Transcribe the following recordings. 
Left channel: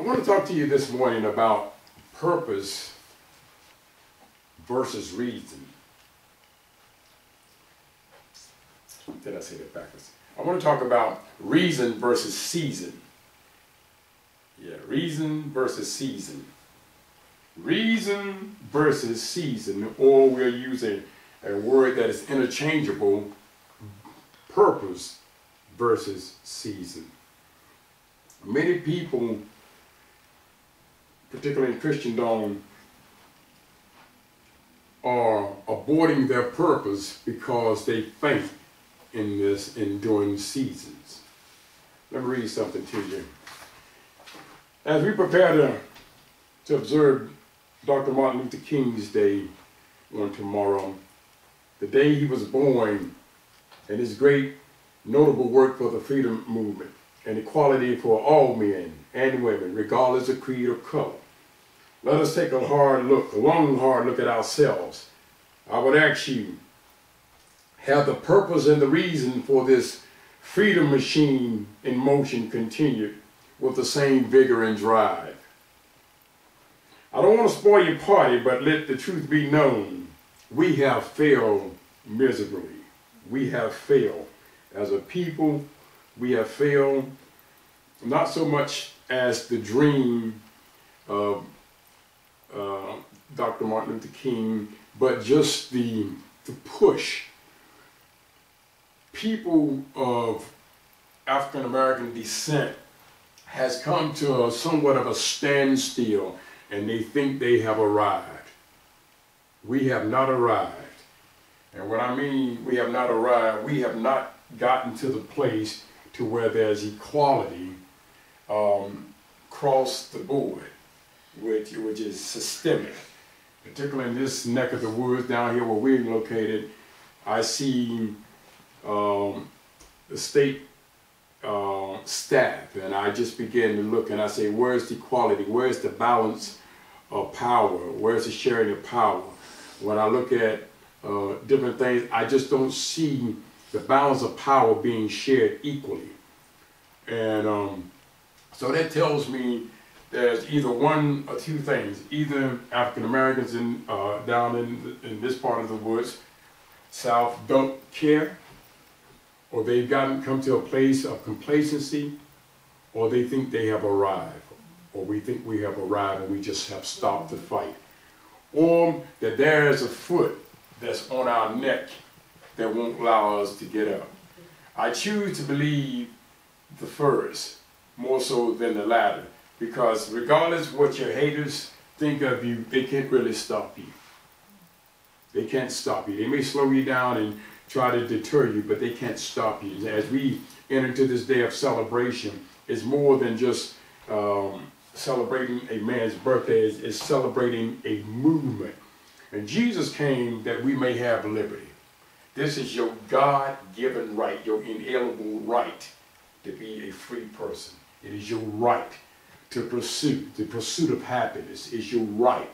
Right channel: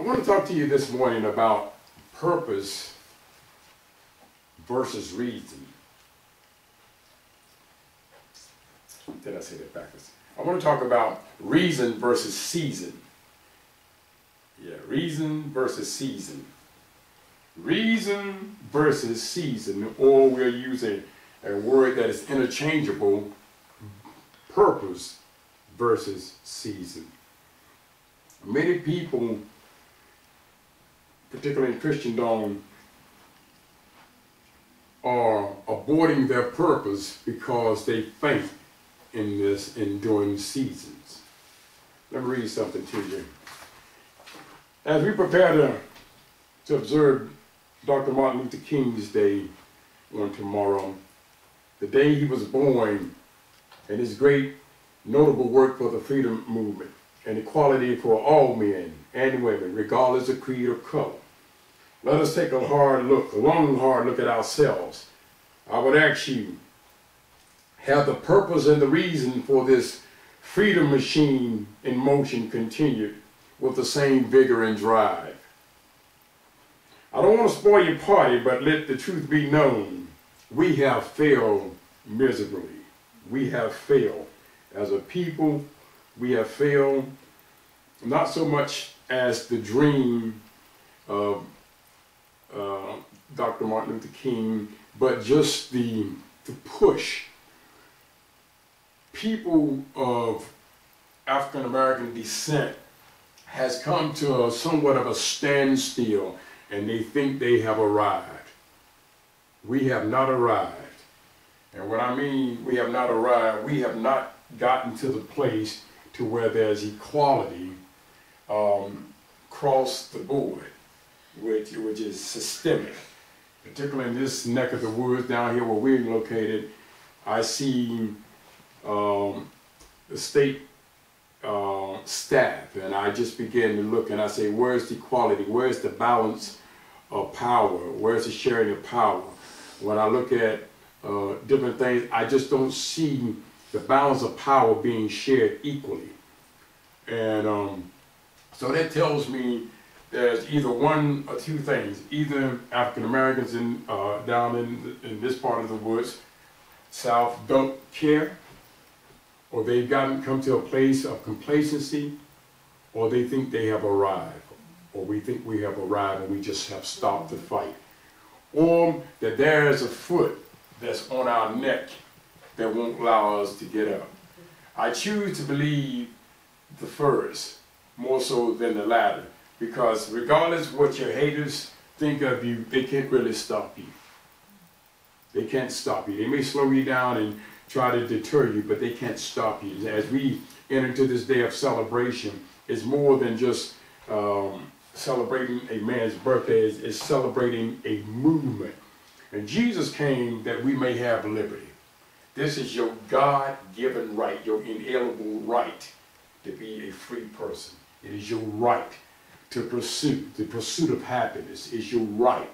I want to talk to you this morning about purpose versus reason. Did I say that backwards? I want to talk about reason versus season. Yeah, reason versus season. Reason versus season, or we're using a word that is interchangeable, purpose versus season. Many people, particularly in Christendom, are aborting their purpose because they think in during seasons. Let me read something to you. As we prepare to observe Dr. Martin Luther King's Day on tomorrow, the day he was born, and his great notable work for the freedom movement and equality for all men and women, regardless of creed or color. Let us take a long hard look at ourselves. I would ask you, have the purpose and the reason for this freedom machine in motion continued with the same vigor and drive? I don't want to spoil your party, but let the truth be known. We have failed miserably. We have failed. As a people, we have failed, not so much as the dream of Dr. Martin Luther King, but just the push. People of African American descent has come to somewhat of a standstill, and they think they have arrived. We have not arrived. And what I mean we have not arrived, we have not gotten to the place to where there's equality across the board, which is systemic. Particularly in this neck of the woods down here where we're located, I see the state staff, and I just begin to look and I say, where's the equality? Where's the balance of power? Where's the sharing of power? When I look at different things, I just don't see the balance of power being shared equally. And so that tells me there's either one or two things. Either African Americans down in this part of the woods, South, don't care, or they've come to a place of complacency, or they think they have arrived, or we think we have arrived and we just have stopped the fight. Or that there is a foot that's on our neck that won't allow us to get up. I choose to believe the first more so than the latter, because regardless of what your haters think of you, they can't really stop you. They can't stop you. They may slow you down and try to deter you, but they can't stop you. As we enter into this day of celebration, it's more than just celebrating a man's birthday. It's celebrating a movement. And Jesus came that we may have liberty. This is your God-given right, your inalienable right to be a free person. It is your right to pursue. The pursuit of happiness is your right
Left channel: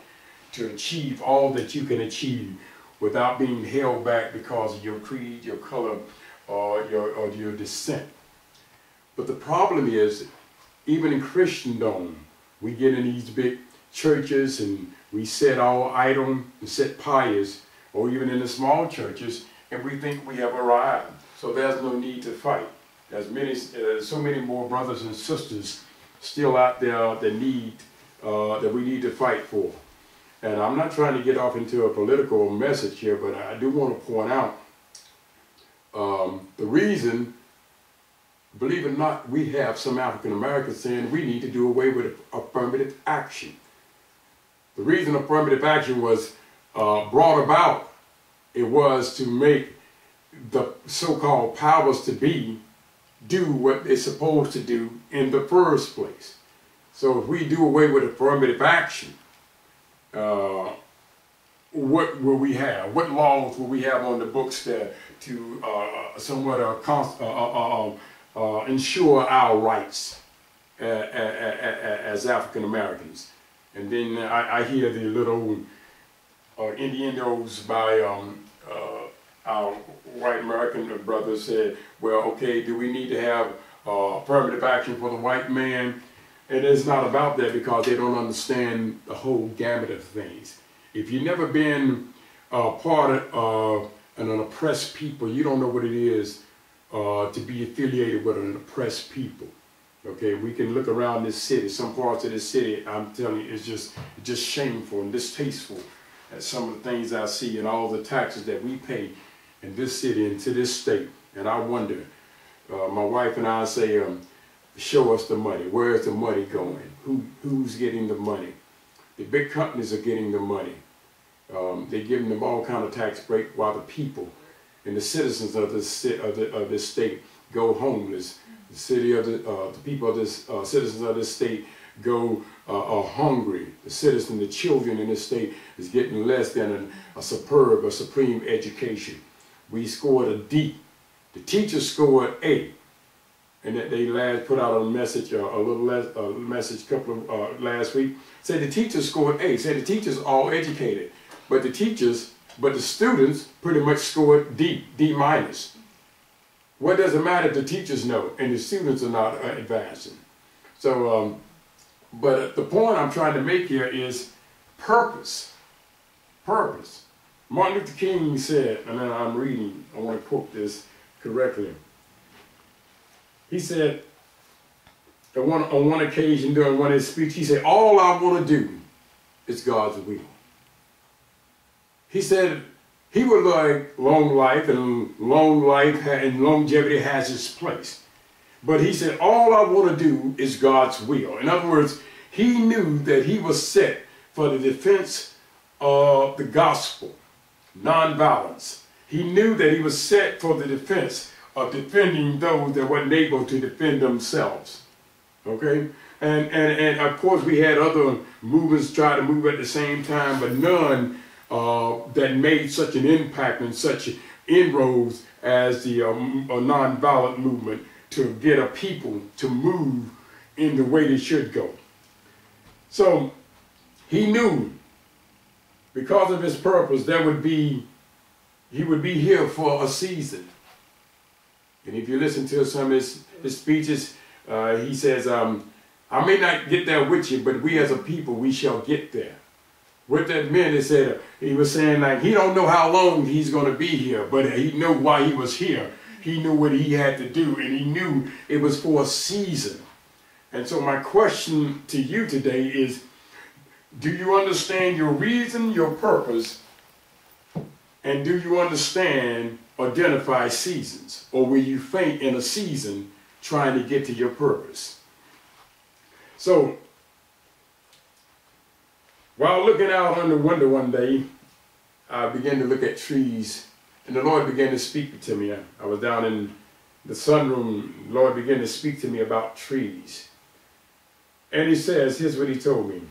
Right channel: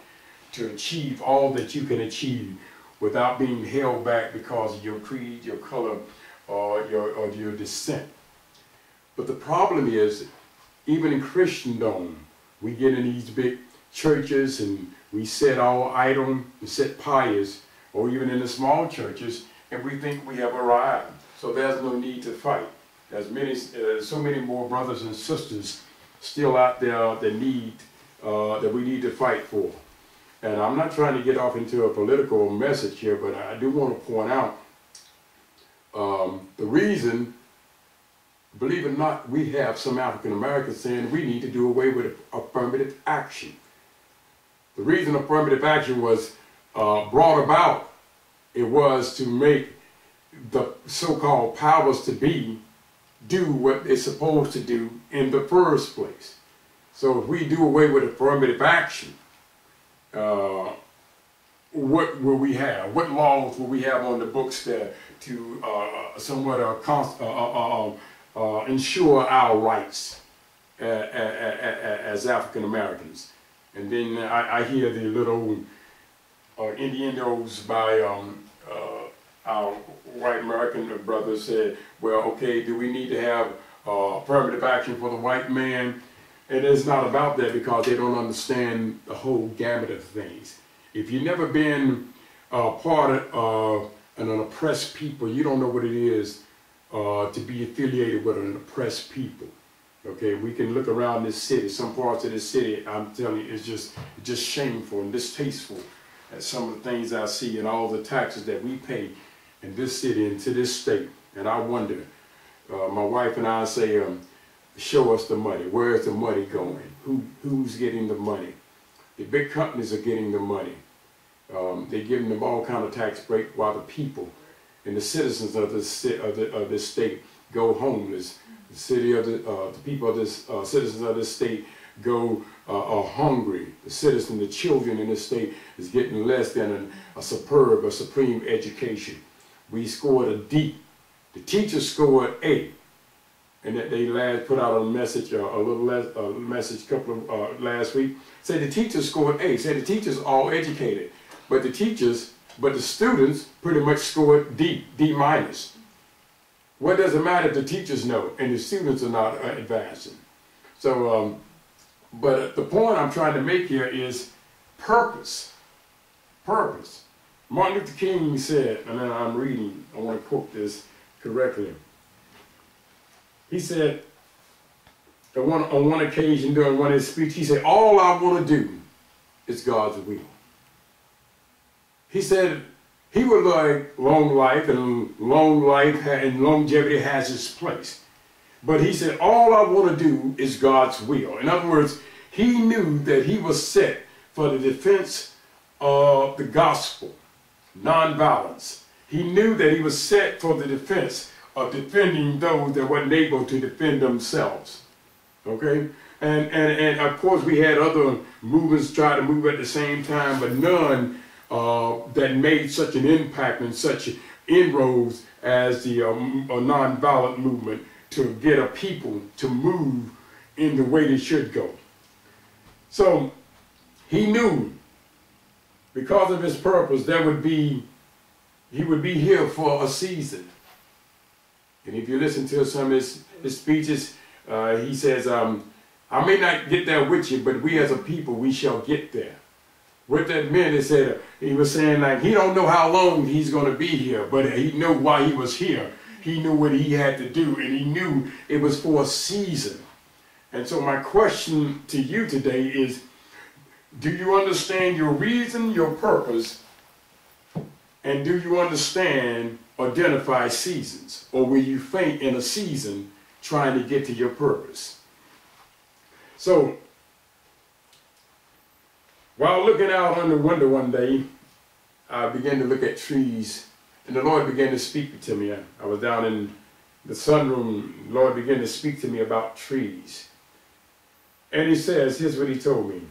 to achieve all that you can achieve without being held back because of your creed, your color, or your descent. But the problem is, even in Christendom, we get in these big churches and we sit all idle and sit pious, or even in the small churches, and we think we have arrived. So there's no need to fight. There's so many more brothers and sisters still out there that we need to fight for. And I'm not trying to get off into a political message here, but I do want to point out the reason, believe it or not, we have some African Americans saying we need to do away with affirmative action. The reason affirmative action was brought about, it was to make the so-called powers to be do what they're supposed to do in the first place. So if we do away with affirmative action, what will we have? What laws will we have on the books there to somewhat ensure our rights as African Americans? And then I hear the little innuendos by our white American brothers said, well, okay, do we need to have affirmative action for the white man And it's not about that because they don't understand the whole gamut of things. If you've never been part of an oppressed people, you don't know what it is to be affiliated with an oppressed people. Okay, we can look around this city. Some parts of this city, I'm telling you, it's just shameful and distasteful at some of the things I see and all the taxes that we pay in this city and to this state. And I wonder, my wife and I say, show us the money. Where is the money going? Who's getting the money? The big companies are getting the money. They're giving them all kind of tax break while the people and the citizens of this state go homeless. The people of this citizens of this state go hungry. The citizen, the children in this state is getting less than a supreme education. We scored a D. The teachers scored A. And that they put out a message, message couple of last week. Said the teachers scored A. Said the teachers all educated, but the students pretty much scored D minus. What does it matter if the teachers know and the students are not advancing? So, but the point I'm trying to make here is purpose. Purpose. Martin Luther King said, and then I'm reading, I want to quote this correctly. He said, on one occasion during one of his speeches, he said, all I want to do is God's will. He said, he would like long life and longevity has its place. But he said, all I want to do is God's will. In other words, he knew that he was set for the defense of the gospel, nonviolence. He knew that he was set for the defense of defending those that weren't able to defend themselves. Okay? And of course we had other movements try to move at the same time, but none that made such an impact and such inroads as the nonviolent movement to get a people to move in the way they should go. So he knew because of his purpose he would be here for a season. And if you listen to some of his speeches, he says, I may not get there with you, but we as a people, we shall get there. What that meant, he said, he was saying like, he don't know how long he's going to be here, but he knew why he was here. He knew what he had to do, and he knew it was for a season. And so my question to you today is, do you understand your reason, your purpose, and do you understand, identify seasons? Or will you faint in a season trying to get to your purpose? So, while looking out on the window one day, I began to look at trees, and the Lord began to speak to me. I was down in the sunroom. The Lord began to speak to me about trees. And he says, here's what he told me.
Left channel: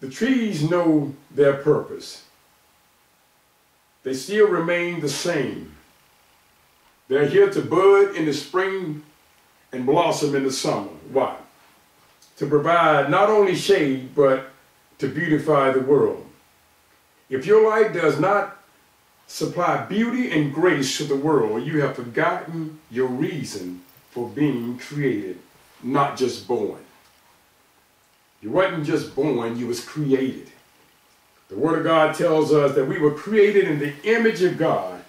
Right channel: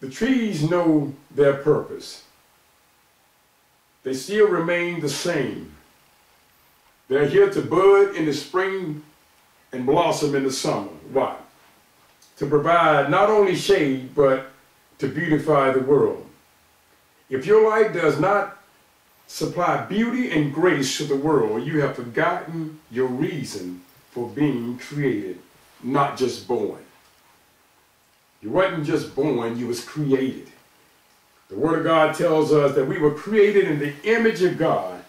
The trees know their purpose. They still remain the same. They're here to bud in the spring and blossom in the summer. Why? To provide not only shade, but to beautify the world. If your life does not supply beauty and grace to the world, you have forgotten your reason for being created, not just born. You wasn't just born, you was created. The Word of God tells us that we were created in the image of God,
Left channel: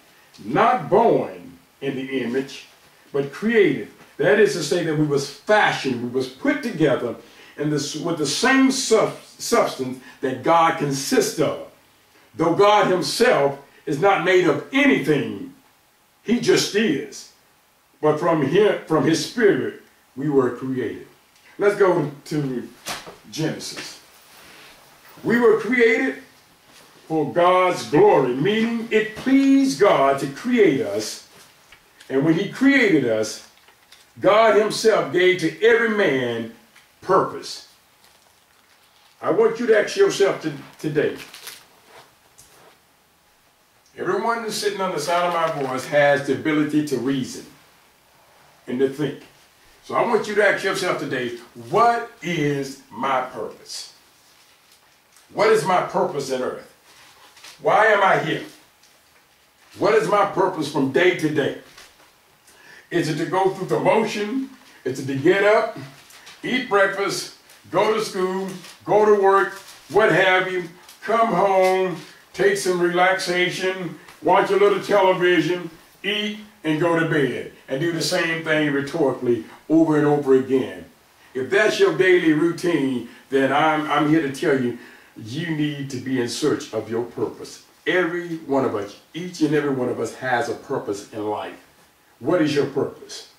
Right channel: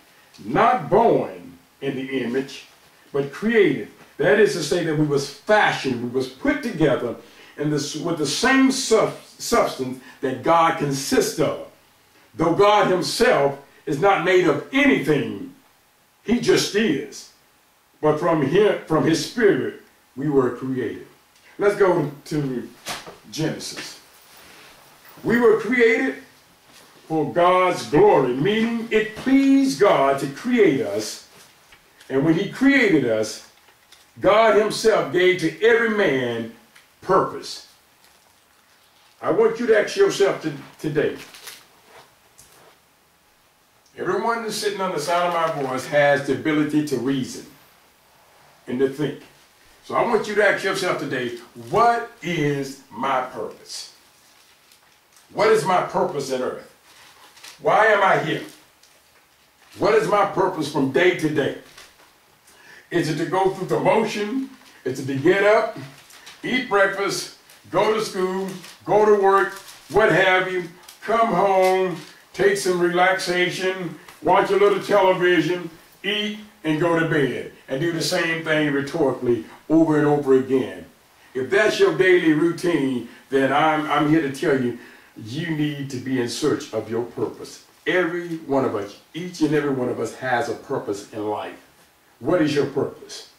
not born in the image, but created. That is to say that we was fashioned, we was put together with the same substance that God consists of. Though God himself is not made of anything, he just is. But from his spirit, we were created. Let's go to Genesis. We were created for God's glory, meaning it pleased God to create us. And when he created us, God himself gave to every man purpose. I want you to ask yourself today. Everyone that's sitting on the side of my voice has the ability to reason and to think. So I want you to ask yourself today, what is my purpose? What is my purpose on earth? Why am I here? What is my purpose from day to day? Is it to go through the motion? Is it to get up, eat breakfast, go to school, go to work, what have you, come home, take some relaxation, watch a little television, eat, and go to bed, and do the same thing rhetorically over and over again? If that's your daily routine, then I'm here to tell you, you need to be in search of your purpose. Every one of us, each and every one of us has a purpose in life. What is your purpose?